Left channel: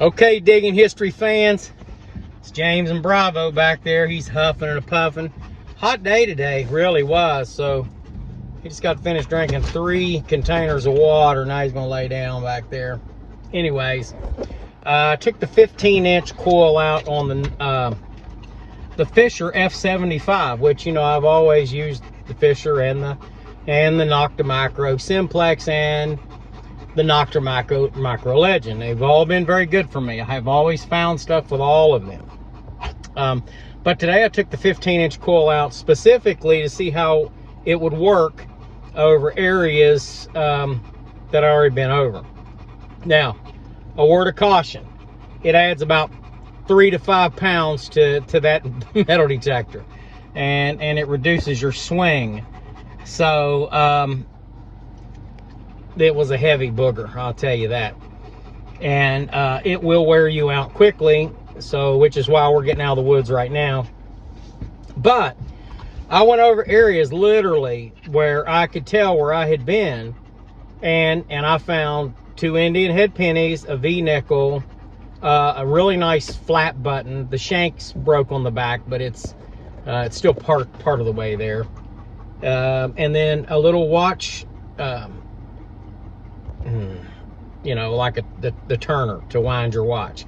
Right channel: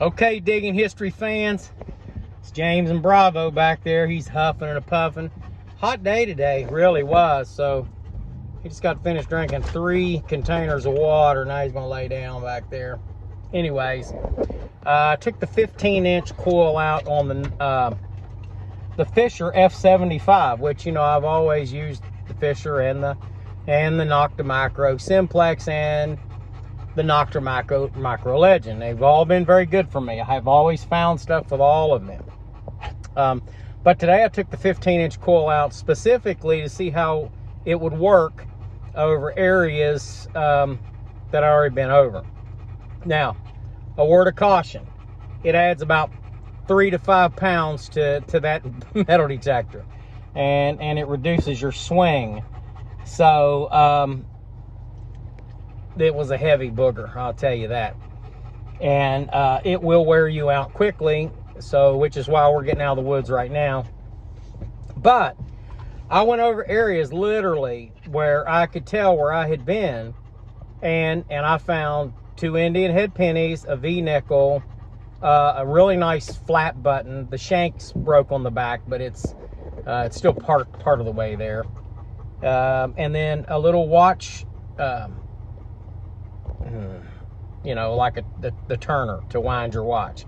Okay, Digging History fans, it's James and Bravo back there. He's huffing and puffing. Hot day today, really was. So he just got finished drinking 3 containers of water. Now he's gonna lay down back there. Anyways, I took the 15-inch coil out on the Fisher F75, which, you know, I've always used the Fisher and the Nokta Micro Simplex and the Nokta Micro Legend. They've all been very good for me. I have always found stuff with all of them. But today I took the 15-inch coil out specifically to see how it would work over areas that I've already been over. Now, a word of caution. It adds about 3 to 5 pounds to that metal detector, and it reduces your swing. So it was a heavy booger, I'll tell you that. And it will wear you out quickly, so which is why we're getting out of the woods right now. But I went over areas literally where I could tell where I had been, and I found 2 Indian head pennies, a V-nickel, a really nice flat button. The shanks broke on the back, but it's still part of the way there. And then a little watch, you know, like the turner to wind your watch.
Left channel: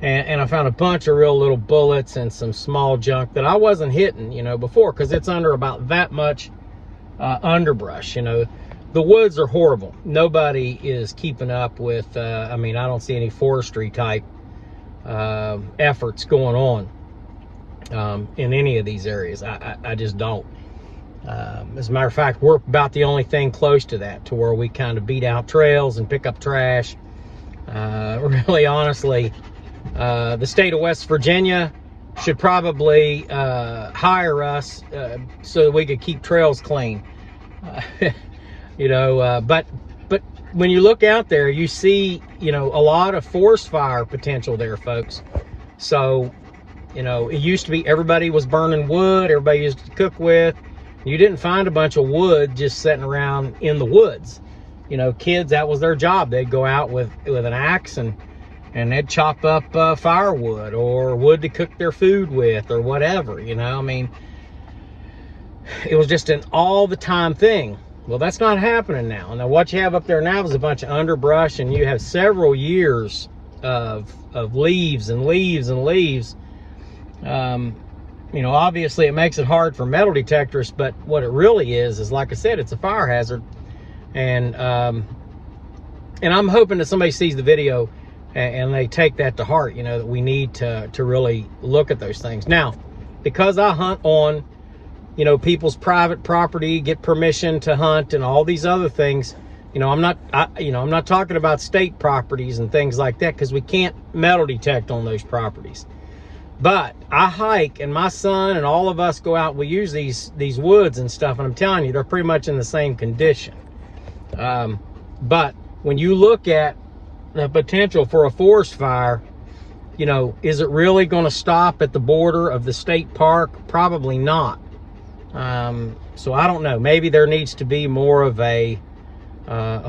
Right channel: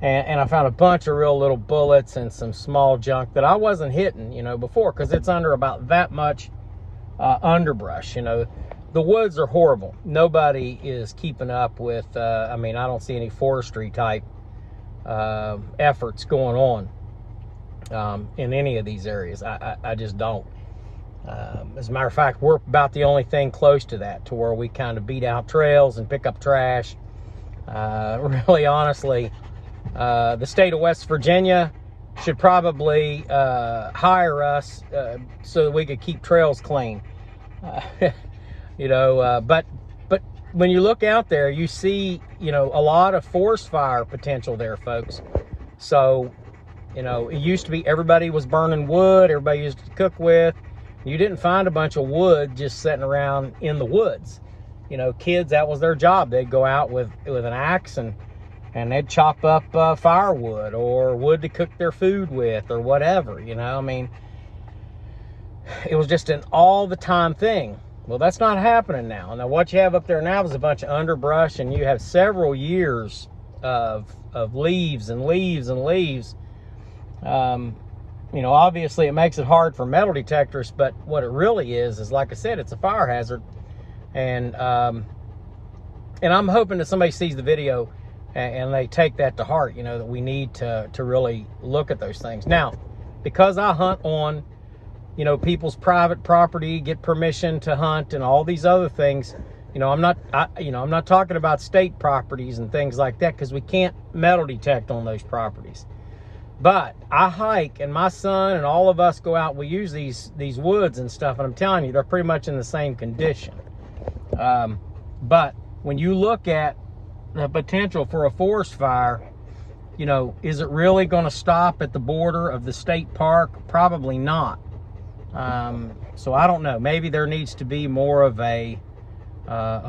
And I found a bunch of real little bullets and some small junk that I wasn't hitting, you know, before, because it's under about that much underbrush. You know, the woods are horrible. Nobody is keeping up with, I mean, I don't see any forestry type efforts going on in any of these areas. I just don't. As a matter of fact, we're about the only thing close to that, to where we kind of beat out trails and pick up trash. Really, honestly, the state of West Virginia should probably hire us so that we could keep trails clean. You know, but when you look out there, you see, you know, a lot of forest fire potential there, folks. So, you know, it used to be everybody was burning wood, everybody used to cook with. You didn't find a bunch of wood just sitting around in the woods. You know, kids, that was their job. They'd go out with an axe and they'd chop up firewood or wood to cook their food with or whatever, you know. I mean, it was just an all the time thing. Well, that's not happening now. Now, what you have up there now is a bunch of underbrush, and you have several years of leaves and leaves and leaves. You know, obviously it makes it hard for metal detectors, but what it really is like I said, it's a fire hazard. And I'm hoping that somebody sees the video and they take that to heart, you know, that we need to really look at those things. Now, because I hunt on, you know, people's private property, get permission to hunt and all these other things, you know, I'm not talking about state properties and things like that, because we can't metal detect on those properties. But I hike, and my son and all of us go out, we use these woods and stuff, and I'm telling you, they're pretty much in the same condition. But when you look at the potential for a forest fire, you know, is it really going to stop at the border of the state park? Probably not. So I don't know. Maybe there needs to be more of a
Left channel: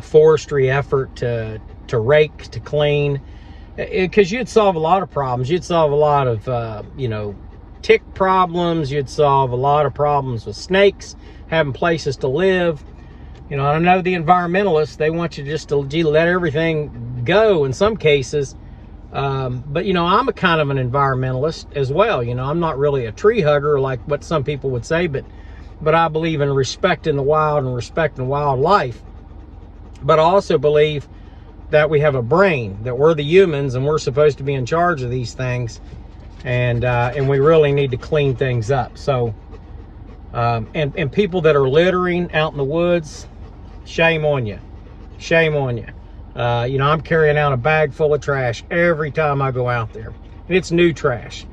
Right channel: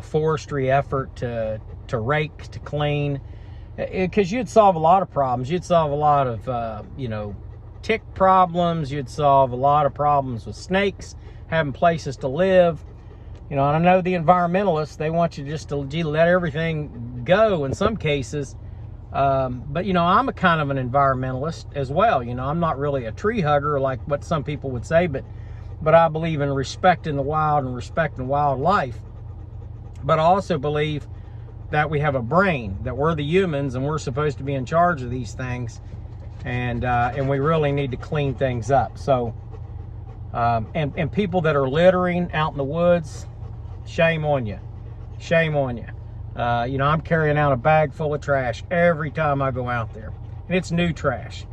forestry effort to rake, to clean. Because you'd solve a lot of problems. You'd solve a lot of, you know, tick problems. You'd solve a lot of problems with snakes, having places to live. You know, and I know the environmentalists, they want you just to let everything go in some cases. But, you know, I'm a kind of an environmentalist as well. You know, I'm not really a tree hugger like what some people would say, but I believe in respecting the wild and respecting wildlife. But I also believe that we have a brain, that we're the humans and we're supposed to be in charge of these things, and we really need to clean things up. So and people that are littering out in the woods, shame on you, shame on you. You know, I'm carrying out a bag full of trash every time I go out there, and it's new trash,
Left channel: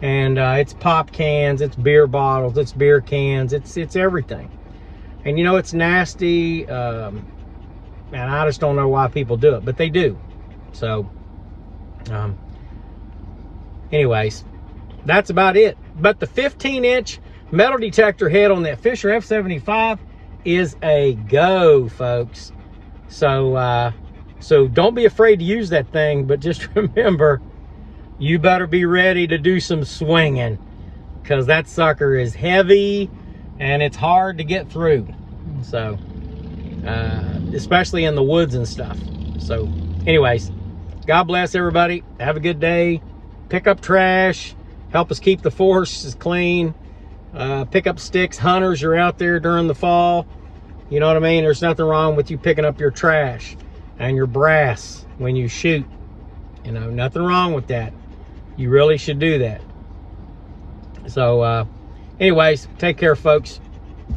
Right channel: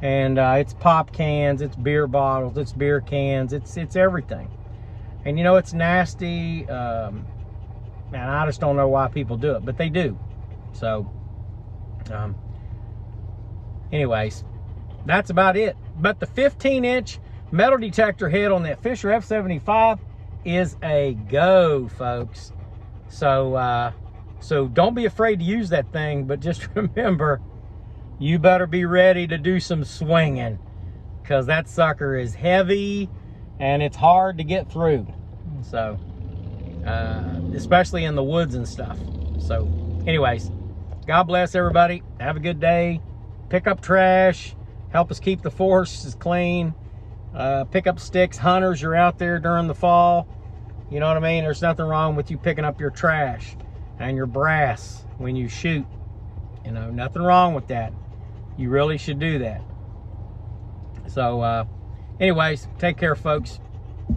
and it's pop cans, it's beer bottles, it's beer cans, it's everything. And you know, it's nasty. And I just don't know why people do it, but they do. So, anyways, that's about it. But the 15-inch metal detector head on that Fisher F75 is a go, folks. So, So don't be afraid to use that thing, but just remember, you better be ready to do some swinging, because that sucker is heavy and it's hard to get through. So, especially in the woods and stuff. So anyways, God bless everybody. Have a good day. Pick up trash. Help us keep the forests clean. Pick up sticks. Hunters, you're out there during the fall. You know what I mean? There's nothing wrong with you picking up your trash and your brass when you shoot. You know, nothing wrong with that. You really should do that. So anyways, take care, folks.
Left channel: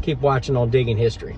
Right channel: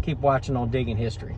Keep watching on Digging History.